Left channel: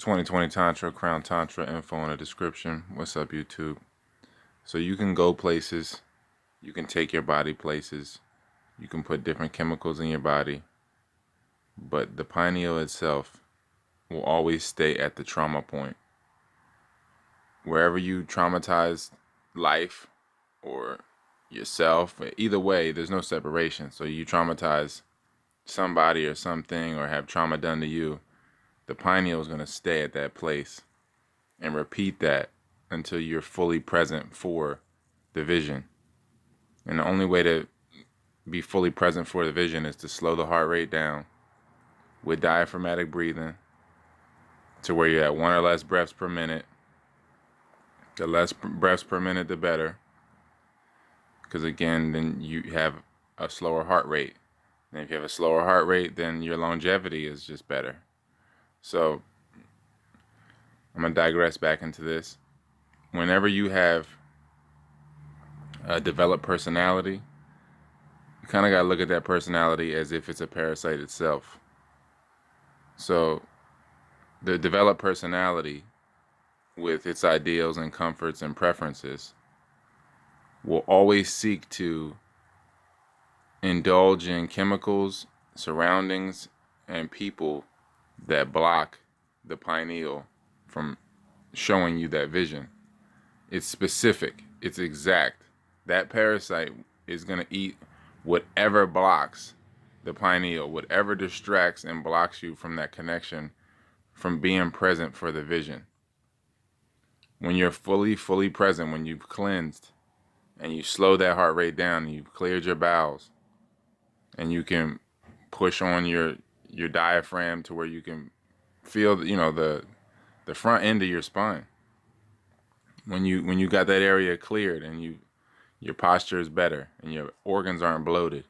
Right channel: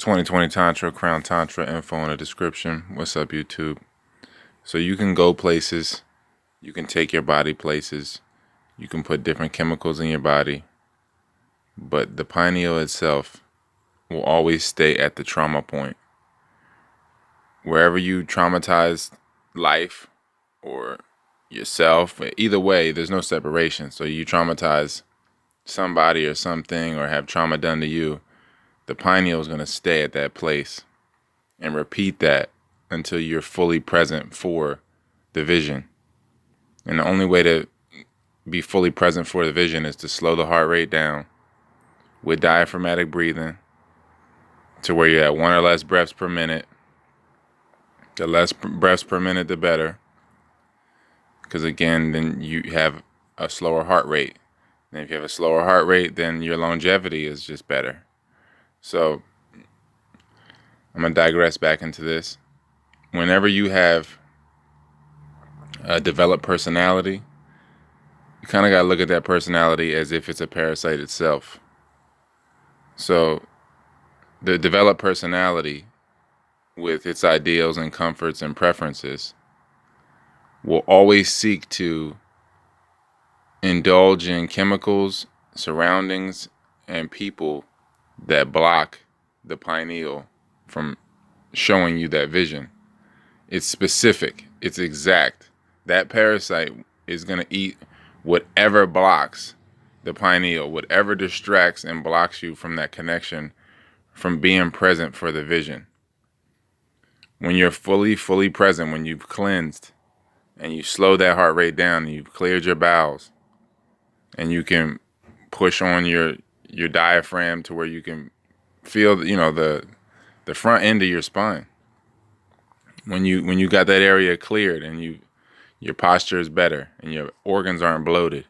2020 Tantra, Crown Tantra, info in the description. What's up, YouTube? So you can go places, you can take your body places, you can put different chemicals in your body, but the pineal itself will always stay at the trauma point. Wherever you traumatized life or yourself, either way, there's no separation. So you traumatize somebody or something or have trauma done to you, the pineal is going to stay at that place and repeat that until you're fully present for the vision. And the only way to be fully present for the vision is to slow the heart rate down with diaphragmatic breathing to where you're at one or less breaths per minute. The less breaths per minute, the better. Because again, then you have a slower heart rate. And if you have a slower heart rate, then your longevity is just better. So I'm going to digress back into this. Whenever you have a developed personality, you kind of got to look at that personality as if it's a parasite itself. So the developed personality with its ideals and comforts and preferences will always seek to indulge in chemicals, surroundings, and people that block the pineal from showing you that vision. It's specific. It's exact. That parasite is going to eat whatever blocks the pineal, whatever distracts and blocks you from that connection, from being present for the vision. When you're fully present, when you've cleansed and you slow that heart rate down and you've cleared your bowels and you can push on your diaphragm to where you can feel, the front end of your spine. When you got that area cleared and your posture is better and your organs aren't bloated,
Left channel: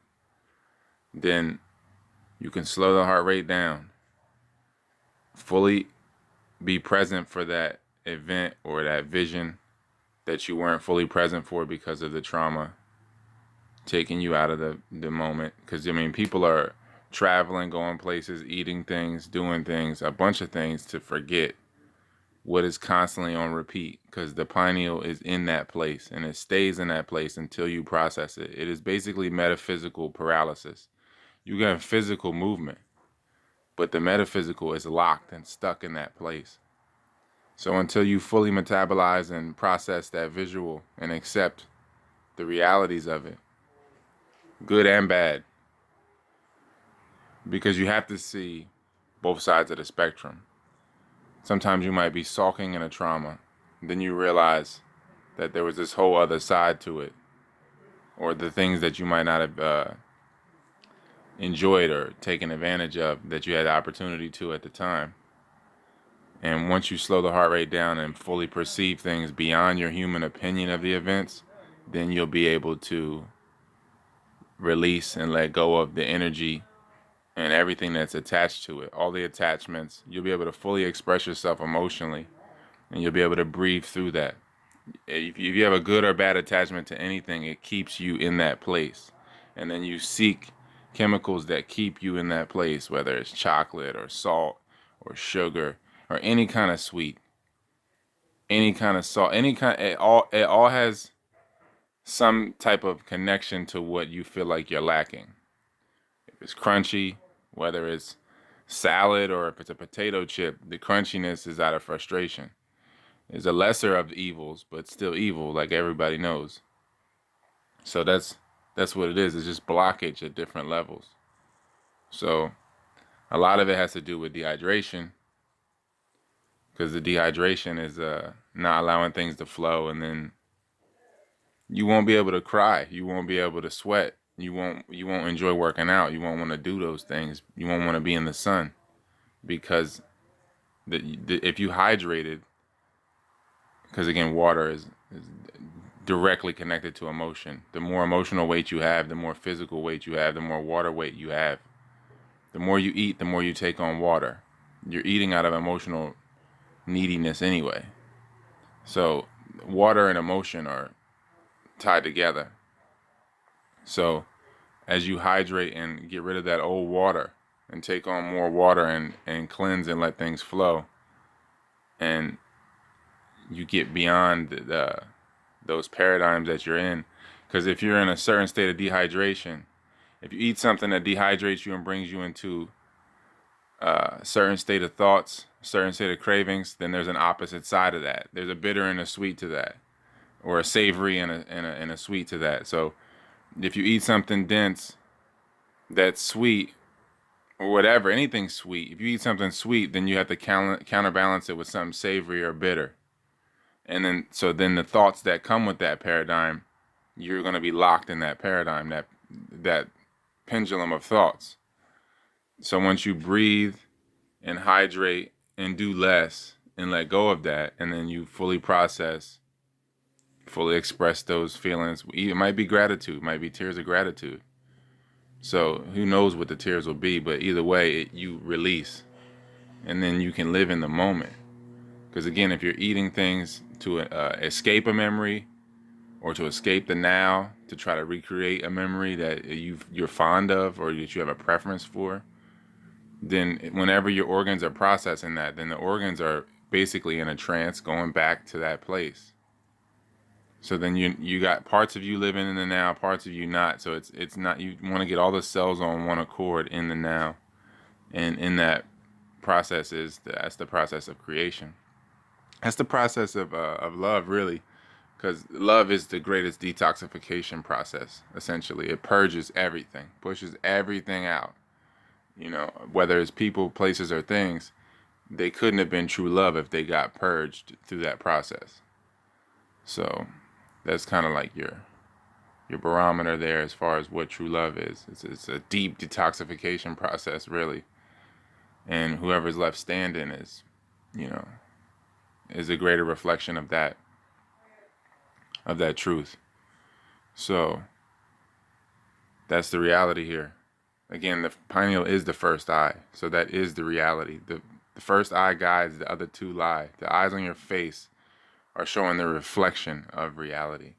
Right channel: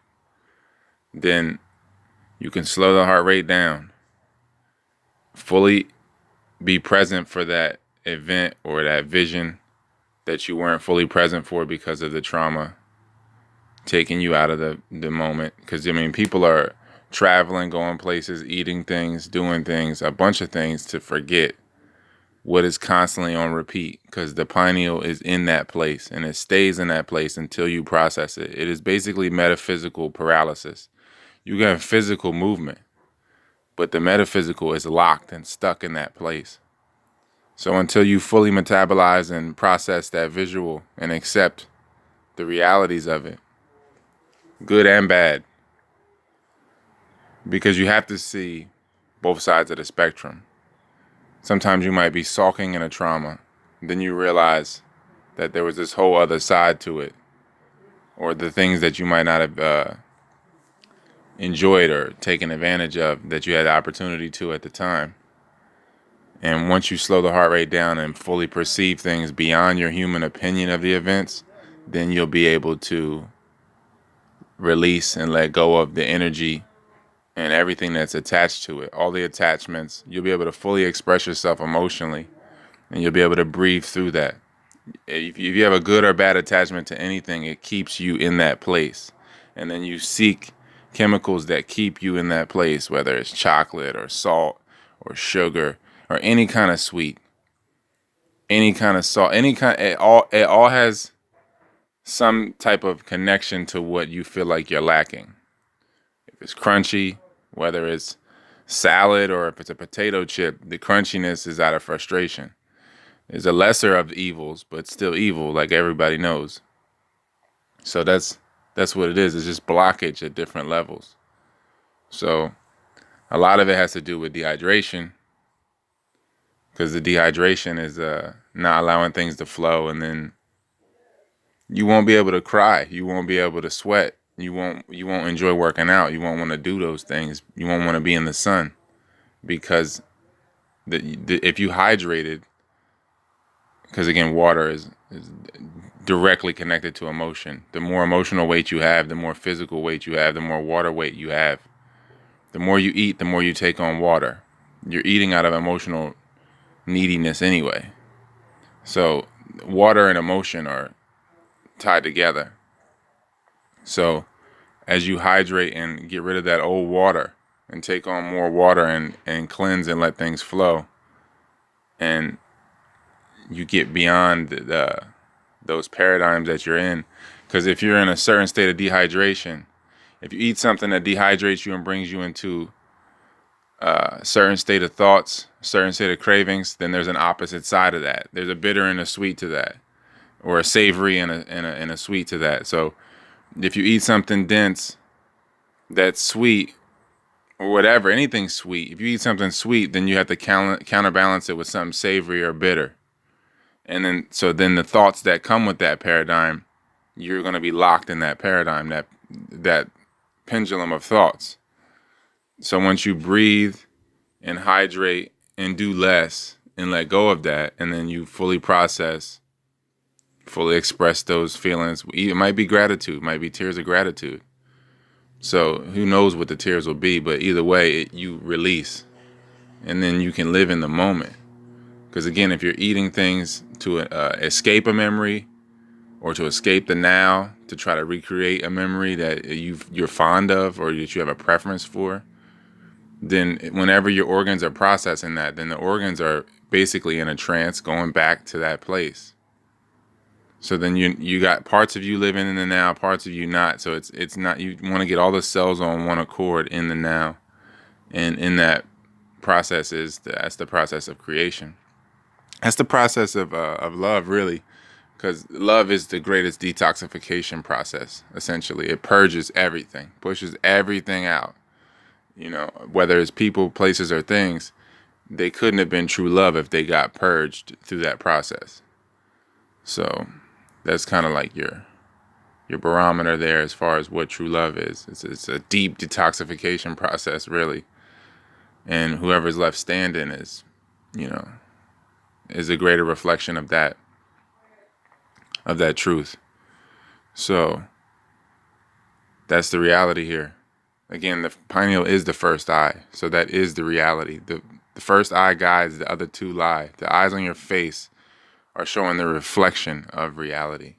then you can slow the heart rate down, fully be present for that event or that vision that you weren't fully present for because of the trauma taking you out of the moment. Because, people are traveling, going places, eating things, doing things, a bunch of things to forget what is constantly on repeat, because the pineal is in that place and it stays in that place until you process it. It is basically metaphysical paralysis. You get physical movement, but the metaphysical is locked and stuck in that place. So until you fully metabolize and process that visual and accept the realities of it, good and bad, because you have to see both sides of the spectrum. Sometimes you might be sulking in a trauma, then you realize that there was this whole other side to it, or the things that you might not have enjoyed or taken advantage of that you had the opportunity to at the time. And once you slow the heart rate down and fully perceive things beyond your human opinion of the events, then you'll be able to release and let go of the energy and everything that's attached to it. All the attachments, you'll be able to fully express yourself emotionally, and you'll be able to breathe through that. If you have a good or bad attachment to anything, it keeps you in that place. And then you seek chemicals that keep you in that place, whether it's chocolate or salt or sugar or any kind of sweet, any kind of salt, it all has some type of connection to what you feel like you're lacking. If it's crunchy, whether it's salad or if it's a potato chip, the crunchiness is out of frustration. It's a lesser of the evils, but still evil, like everybody knows. So that's what it is. It's just blockage at different levels. So a lot of it has to do with dehydration, because the dehydration is not allowing things to flow, and then you won't be able to cry. You won't be able to sweat. You won't enjoy working out. You won't want to do those things. You won't want to be in the sun, because if you hydrated, because again, water is directly connected to emotion. The more emotional weight you have, the more physical weight you have, the more water weight you have. The more you eat, the more you take on water. You're eating out of emotional neediness anyway. So water and emotion are tied together. So as you hydrate and get rid of that old water and take on more water and cleanse and let things flow, and you get beyond those paradigms that you're in. Because if you're in a certain state of dehydration, if you eat something that dehydrates you and brings you into a certain state of thoughts, certain state of cravings, then there's an opposite side of that. There's a bitter and a sweet to that, or a savory and a sweet to that. So if you eat something dense that's sweet, or whatever, anything sweet, if you eat something sweet, then you have to counterbalance it with something savory or bitter. And then the thoughts that come with that paradigm, you're going to be locked in that paradigm, that pendulum of thoughts. So once you breathe and hydrate and do less and let go of that, and then you fully process, fully express those feelings. It might be gratitude, it might be tears of gratitude. So who knows what the tears will be, but either way, you release, and then you can live in the moment. Because again, if you're eating things to escape a memory, or to escape the now, to try to recreate a memory that you're fond of or that you have a preference for, then whenever your organs are processing that, then the organs are basically in a trance going back to that place. So then you got parts of you living in the now, parts of you not. So it's not, you want to get all the cells on one accord in the now. And in that process that's the process of creation. That's the process of love, really. Because love is the greatest detoxification process, essentially. It purges everything, pushes everything out. Whether it's people, places, or things, they couldn't have been true love if they got purged through that process. So that's kind of like your barometer there as far as what true love is. It's a deep detoxification process, really. And whoever's left standing is a greater reflection of that truth. So that's the reality here. Again, the pineal is the first eye. So that is the reality. The first eye guides, the other two lie. The eyes on your face are showing the reflection of reality.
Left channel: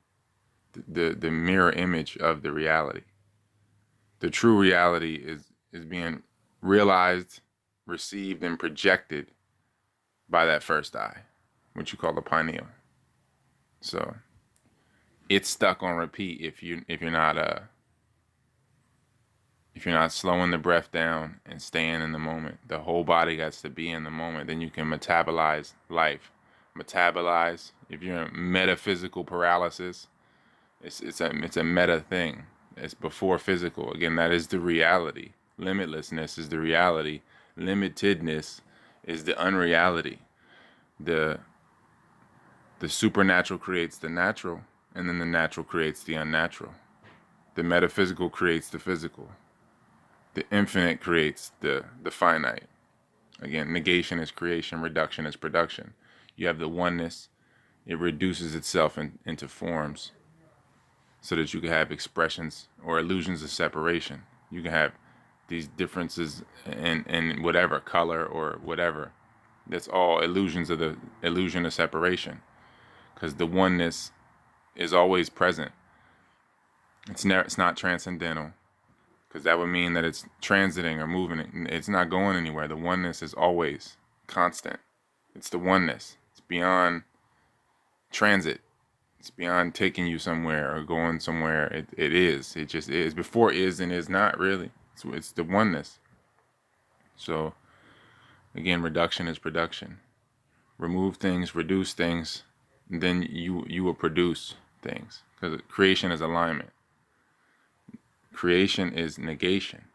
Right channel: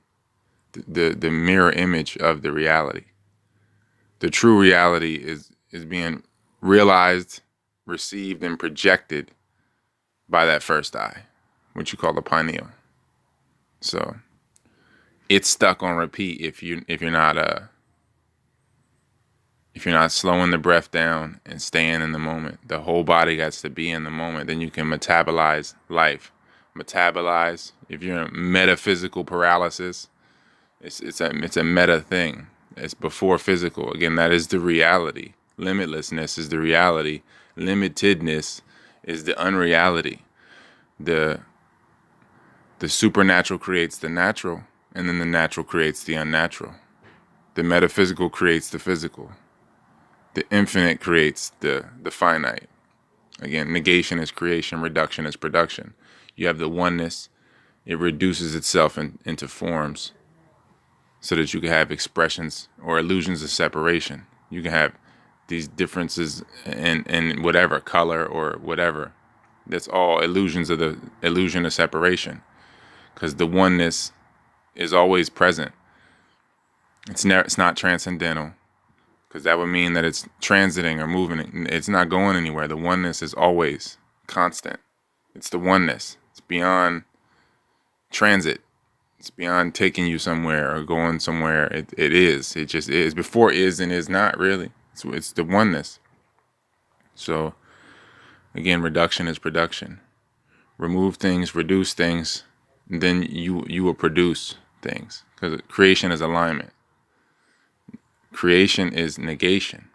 The mirror image of the reality. The true reality is being realized, received, and projected by that first eye, which you call the pineal. So it's stuck on repeat if you're not slowing the breath down and staying in the moment. The whole body gets to be in the moment. Then you can metabolize life. Metabolize. If you're in metaphysical paralysis, it's a meta thing. It's before physical. Again, that is the reality. Limitlessness is the reality. Limitedness is the unreality. The supernatural creates the natural, and then the natural creates the unnatural. The metaphysical creates the physical. The infinite creates the finite. Again, negation is creation, reduction is production. You have the oneness. It reduces itself into forms so that you can have expressions or illusions of separation. You can have these differences in whatever color or whatever. That's all illusions of the illusion of separation, because the oneness is always present. It's not transcendental, because that would mean that it's transiting or moving. It's not going anywhere. The oneness is always constant. It's the oneness. It's beyond transit. It's beyond taking you somewhere or going somewhere. It is. It just is. Before is and is not, really. It's the oneness. So, again, reduction is production. Remove things, reduce things, and then you will produce things. Because creation is alignment. Creation is negation.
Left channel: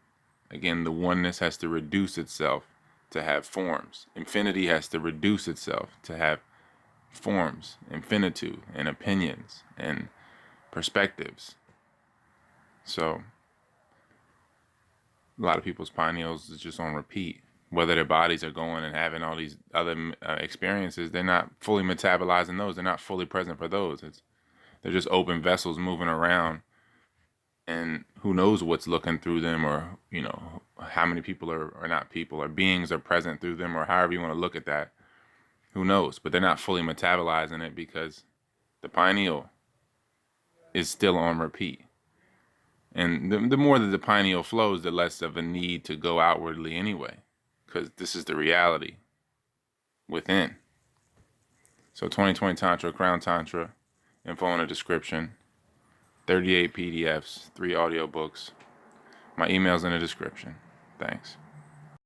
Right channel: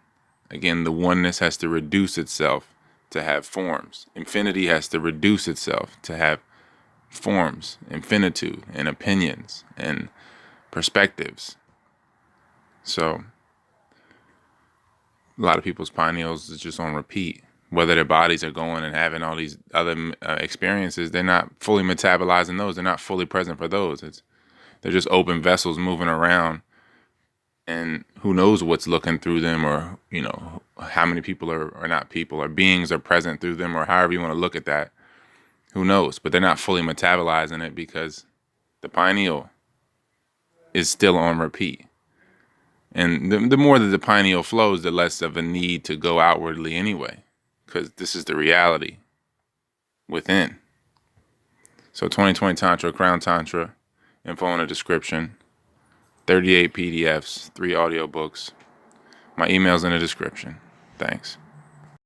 Again, the oneness has to reduce itself to have forms. Infinity has to reduce itself to have forms, infinitude, and opinions, and perspectives. So a lot of people's pineals is just on repeat. Whether their bodies are going and having all these other experiences, they're not fully metabolizing those. They're not fully present for those. They're just open vessels moving around, and who knows what's looking through them, or how many people are not people, or beings are present through them, or however you want to look at that. Who knows? But they're not fully metabolizing it because the pineal is still on repeat. And the more that the pineal flows, the less of a need to go outwardly anyway, because this is the reality within. So 2020 Tantra, Crown Tantra, info in the description. 38 PDFs, 3 audiobooks. My email's in the description. Thanks.